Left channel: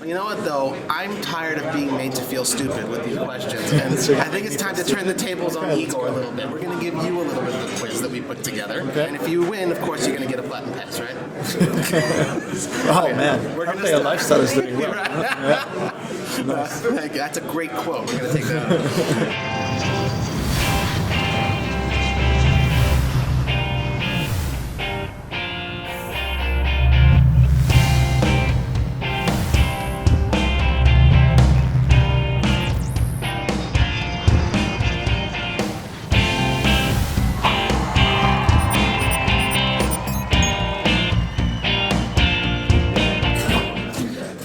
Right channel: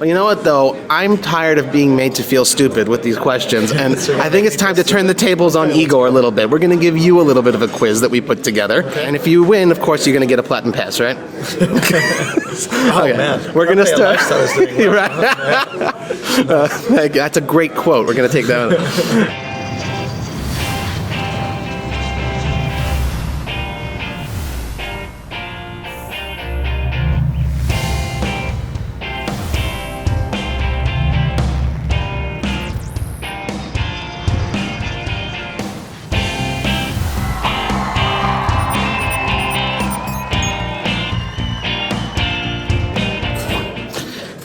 Well, you know what, though? I'm tired of being made to feel stupid with these questions, and I think it's time to turn the tables on Igor a little bit. We're going to give you a little bit of a quiz that we put together, and if you win, of course, you're going to get a platinum pass, right? Okay, we're going to start. You're right. That's a great quote. We're going to take that one.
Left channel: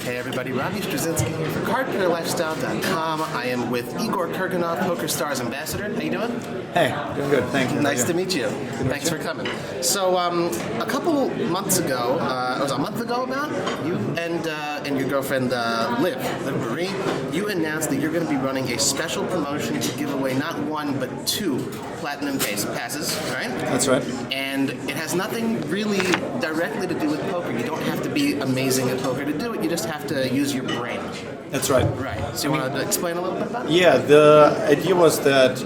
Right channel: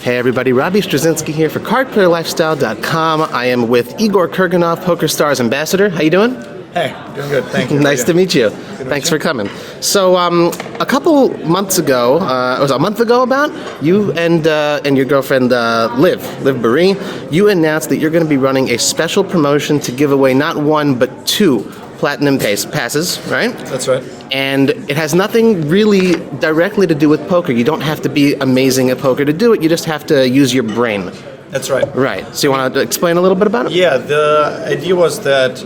Hey everybody, Robbie Straczynski here for CardPlayerLifestyle.com. I am with Igor Kurganov, PokerStars ambassador. How you doing? Hey, good. Thank you. Nice to meet you. Thanks for coming. So, a couple months ago, it was a month ago about, you and your girlfriend Liv Boeree, you announced that you're going to be running a special promotion to give away not one but two platinum passes, right? That's right. And it has nothing really directly to do with poker. You don't have to be amazing at poker to do it. You just have to use your brain. That's right. Right. So you want to explain a little bit about it? Yeah, the idea was that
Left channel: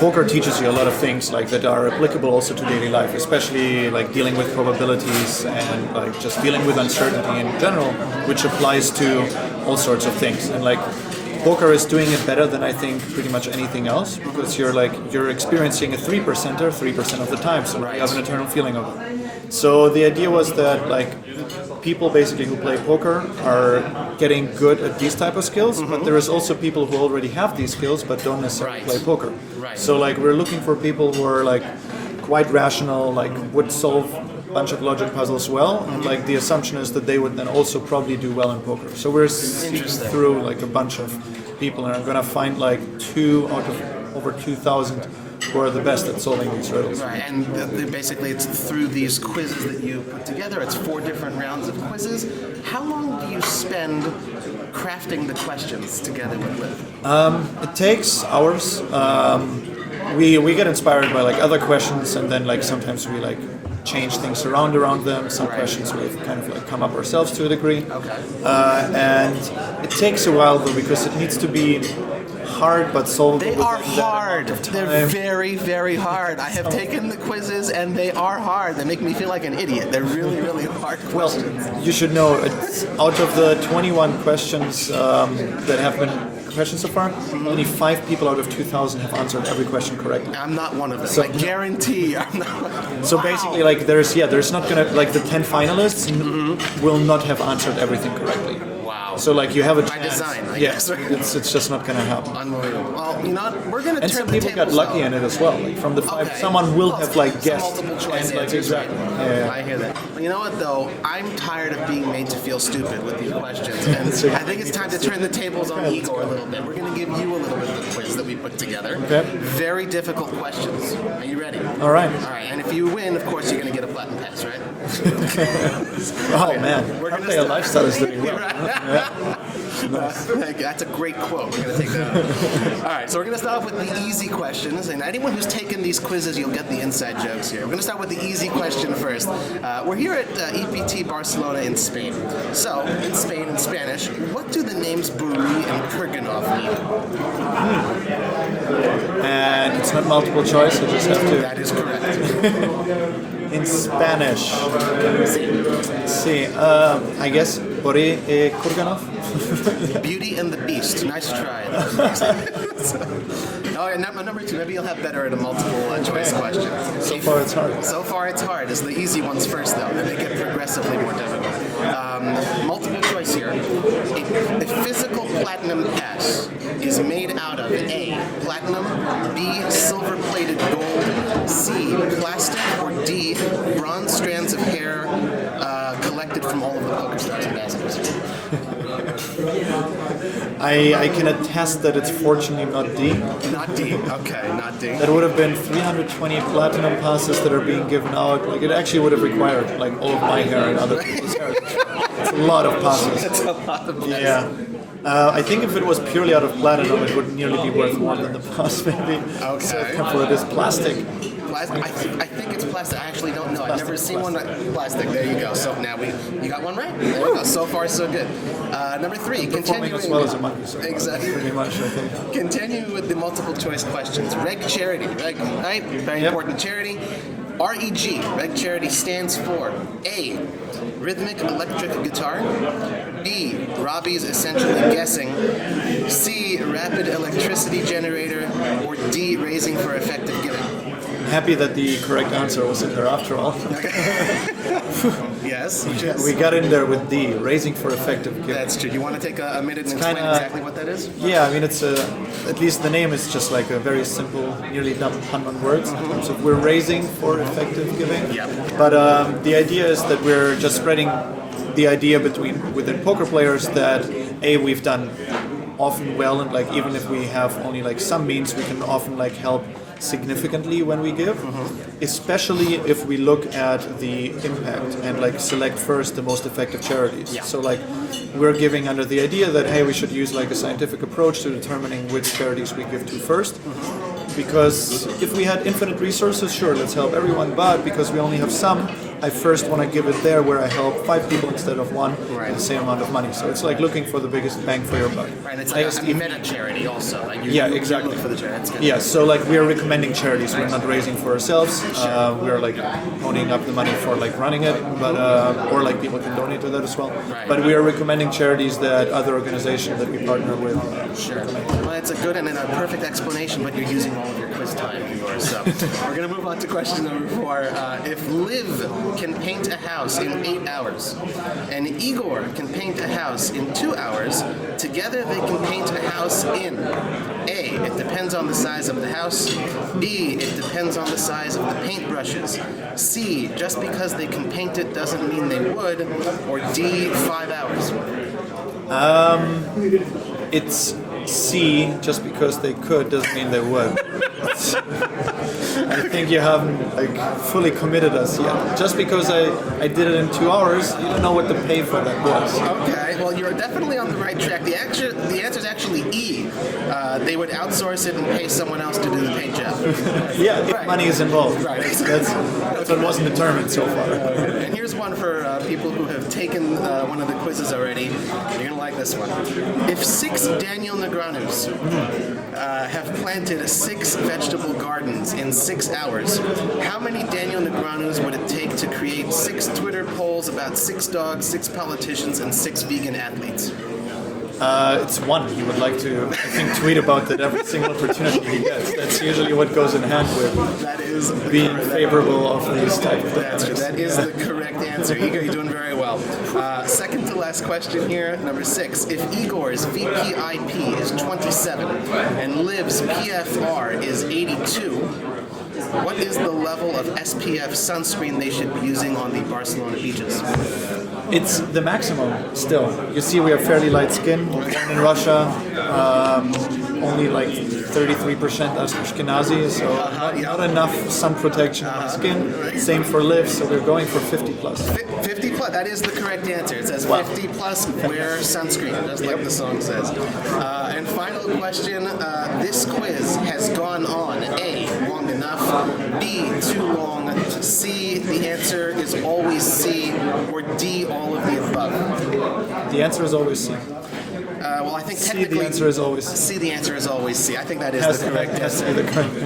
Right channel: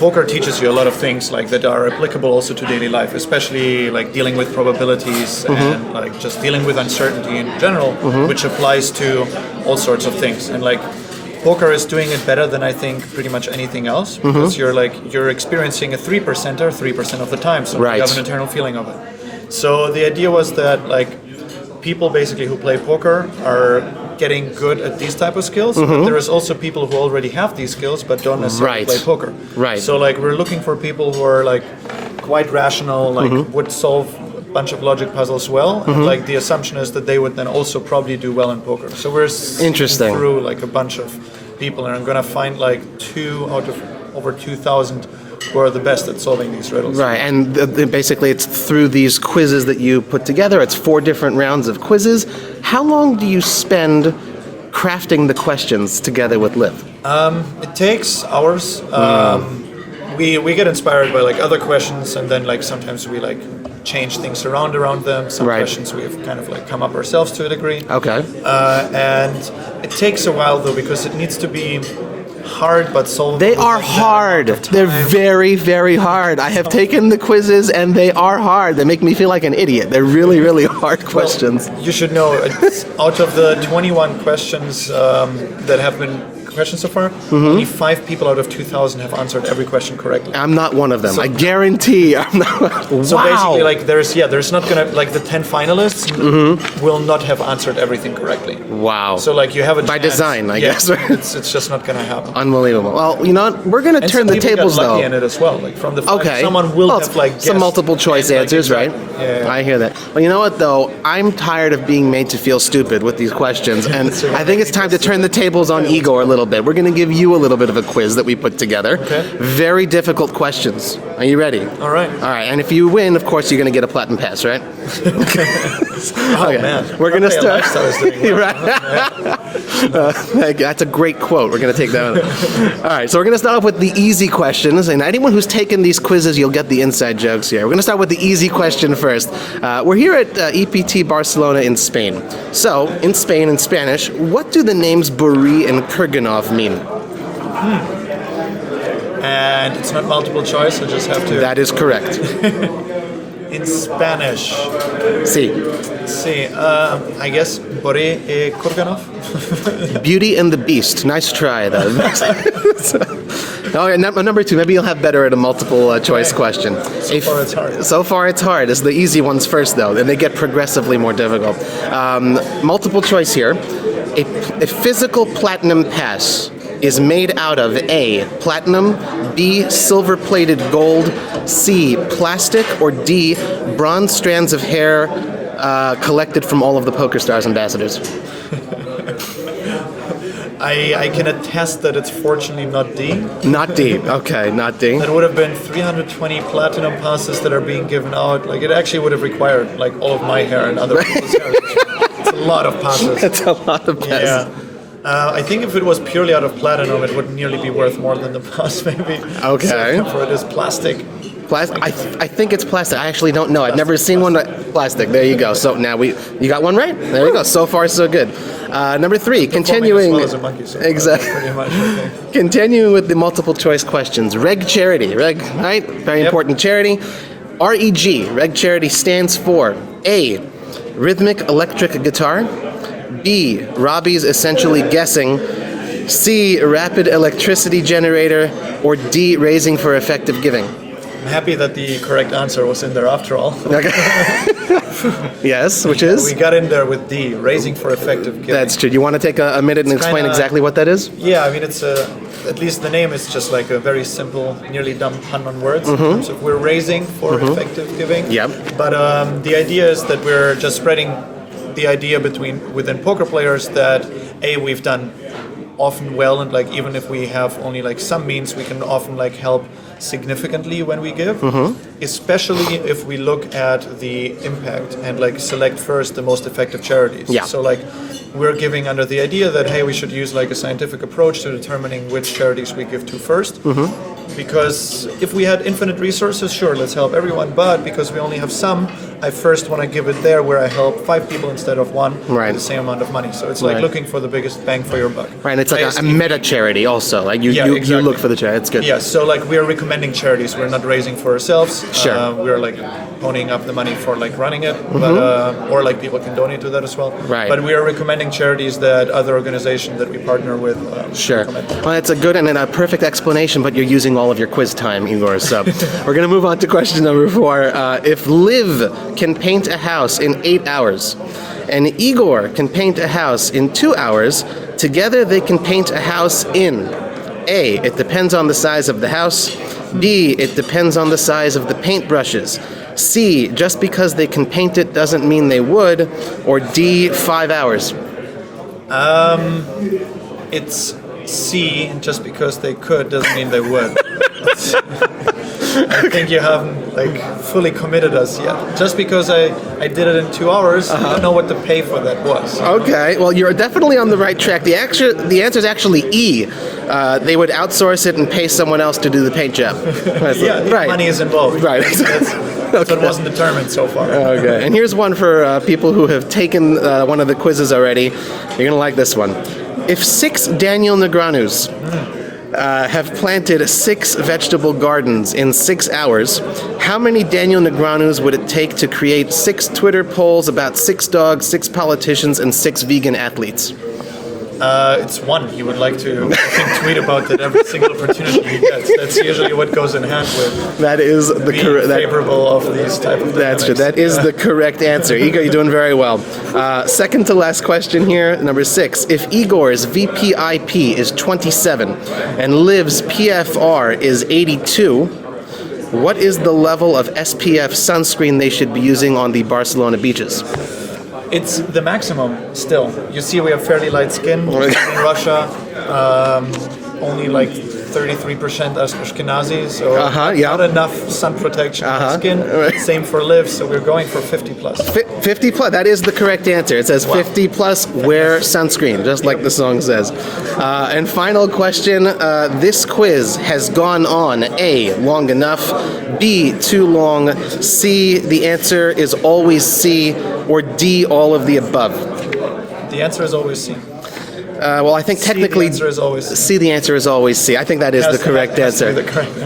poker teaches you a lot of things like that are applicable also to daily life, especially like dealing with probabilities and like just dealing with uncertainty in general, which applies to all sorts of things. And like poker is doing it better than I think pretty much anything else because you're experiencing a 3% or 3% of the time, so right. You have an eternal feeling of it. So the idea was that like people basically who play poker are getting good at these type of skills. There is also people who already have these skills but don't necessarily play poker. Right. So like we're looking for people who are like quite rational, like would solve a bunch of logic puzzles well. Like the assumption is that they would then also probably do well in poker. So we're interesting through like a bunch of people, and I'm gonna find like 2 out of over 2,000 who are the best at solving these riddles. Right, and basically it's through these quizzes that you put together. It's 4 different rounds of quizzes. How long do you spend crafting the questions together with Liv? It takes hours. We get inspired by like other questions, and then like sometimes we like change things around them. Some questions we kind of like come up ourselves to a degree. Okay. And it takes a while though because it needs to be hard but solved. They are hard. They're very, very hard. I have taken the quizzes and they are hard. They make me feel like an idiot. They're really, really hard questions. You should know, out of the 21 questions that have been questions so far, only 5 people out of 2,000 have answered every question correctly. I'm not one of them. I guarantee I'm not. So wow. basically, like there's not gonna like the 10 finalists will not have answered everything correctly. Wow. So like you have a by chance. design, I guess. It's just not gonna happen. Unbelievable. Well, you know what? We're gonna turn the tables though. In it as well. Okay. Someone will well, have, like, some multiple choice answers, right? Yeah. I hear that. Well, you know what though? I'm tired of being made to feel stupid with these questions, and I think it's time to turn the tables on Igor a little bit. We're gonna give you a little bit of a quiz that we put together. Okay. Very difficult questions. Are you ready? All right. All right. And if you win, of course, you're gonna get a platinum pass, right? Okay. We're gonna start. You're right. That's a great quote. We're going to take that one. All right, so we're going to start off with the easy questions. And anyone who's taken these quizzes, you'll get the inside jokes here. We're going to start with the easy question first. We're here at EPT Barcelona in Spain. So, in Spain, in Spanish, what do the names Boeree and Kurganov mean? And it's not multiple choice. That is correct. In Spanish. See. I guess Boeree y Kurganov. Beauty and the Beast. Nice try, though. Number 2, maybe you'll have better at a multiple choice question. So far it's hard. It's the easy ones first, though. Then they get progressively more difficult. Multiple choice here. A physical platinum pass is made out of A, platinum, B, silver-plated gold, C, plastic, or D, bronze strands of hair collected from all of the PokerStars ambassadors. I can attest that it's fortunately not D. Not D. Okay, not D. It would have been 320 platinum passes that are being given out. Like it actually would have required like all of my hair and other. It's a lot of passes. That's a lot of passes. Yeah. I think if it was purely out of platinum, it would nearly be worth more than the pass, maybe. Okay. It's plastic. I think it's plastic. I actually don't know. I've never seen one plastic. There you go. So now you got one right. There you go. So far, so good. Number 3, continuing. Exactly. Continuing with the multiple choice questions. Reg charity. Reg, right? Very important charity. REG. Reg charity stands for A, rhythmic electric guitar. B, Robbie's essentially guessing. C, rapid electricity generator. Or D, raising for effective giving. I'm happy that the correct answer was in there after all. Okay. Yes, which is? We got in there with D, raising for effective giving. That's true. You want to take a minute and explain exactly what that is? Yeah, I mean, it's at least the name is just like a very simple, nearly done 100 words. Mm-hmm. So we're raising for effective giving. Yep. But the idea is that we're just spreading the idea within poker players that we've done often well, and like even if we have only like some means, we can often like help significantly when we give, especially if we look at the impact and like select first the most effective charities. Yeah. So like we're giving under the idea that hey, we should use like a scientific approach to determining which charities we give to first. Because if we had infinite resources, sure, let's help everyone. But because we only have some, I first want to give it there where I help 5 people instead of 1 Right. with the same amount of money. So it's like looking for the biggest bang for your buck. Right, and it's like a meta charity also. Like you exactly. look for the charity. It's good. Yeah, so like we're recommending charities. We're not raising for ourselves. Sure. We're like owning up the money for like running it, but, or like people can donate to that as well. Right. But we are recommending charities that other organizations that we partner with. Sure. Well, it's a good and a perfect explanation, but you're using all of your quiz time, Igor. So we're going to move on to question number 4. If Liv can paint a house in 8 hours and Igor can paint a house in 2 hours, together they can paint a house in A, it depends on the size of the house. B, it depends on the size of the paintbrushes. C, just because they can paint it doesn't mean they would. Or D, 5 hours. It's C, just because they could doesn't mean they would. I think you haven't like fully committed us yet. Just because I did it in 2 hours, I don't know what to pay for that was. Okay, well, you're definitely on the right track. The answer is actually E. They would outsource it and pay someone else to do the paint job. Right. Money is involved. Right. Okay. It wasn't determined so far. Okay, and here's one for people who have taken one of the quizzes already. You're gonna like this one. If 6 Daniel Negranus have planted 6 vegetable gardens in 6 hours, how many Daniel Negranus would it take to create 6 Twitter polls about 6 dogs, 6 politicians, and 6 vegan athletes? It's 1. You would like to tweet about it every single opportunity. That's usually what goes in hand. That is the correct. That's true. That is the correct answer. Igor, you're doing very well. Second to last question here, number 6. If Igor's VPIP is 27 and Liv's PFR is 82, what is the level of SPF sunscreen they should be using on the Barcelona beaches? It's the maximum still. You see we have fairly light skin in Russia. Only like 33% Ashkenazi, so not enough sun protection on the skin. Right. Same for Liv, so they're going for 50 plus. 50 plus, that is the correct answer. It says 50 plus, wear sunscreen, just like the song says. And final question, this quiz has gone on A, long enough, B, too long, C, the answer is always C, or D, all of the above. The answer is always C. Well, I think technically the answer is always C. C, the answer is always C. I think that is the correct answer.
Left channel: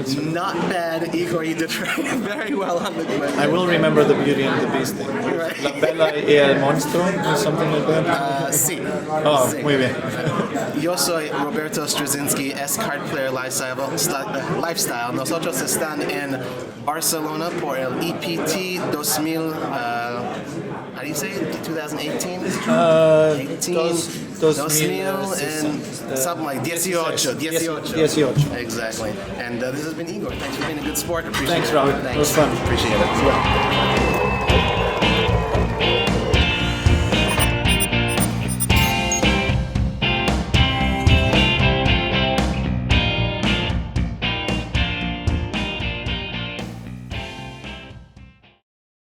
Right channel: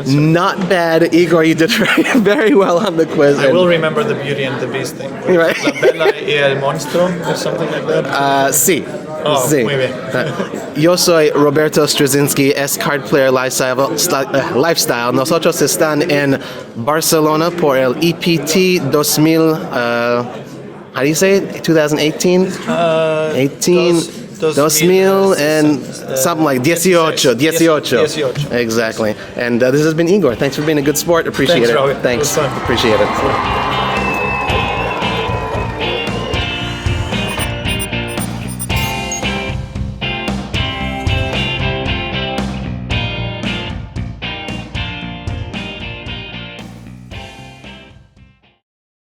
Not bad, Igor. You did very well on the quiz. I will remember the Beauty and the Beast thing. Right. Monster or something like that. C. C. Yo soy Roberto Straczynski, card player lifestyle. Nosotros están en Barcelona por el EPT 2000. How do you say it? 2018. 2000 and something like 18. Exactly. And this has been Igor. Thanks for being a good sport. Appreciate it. Thanks. Appreciate it.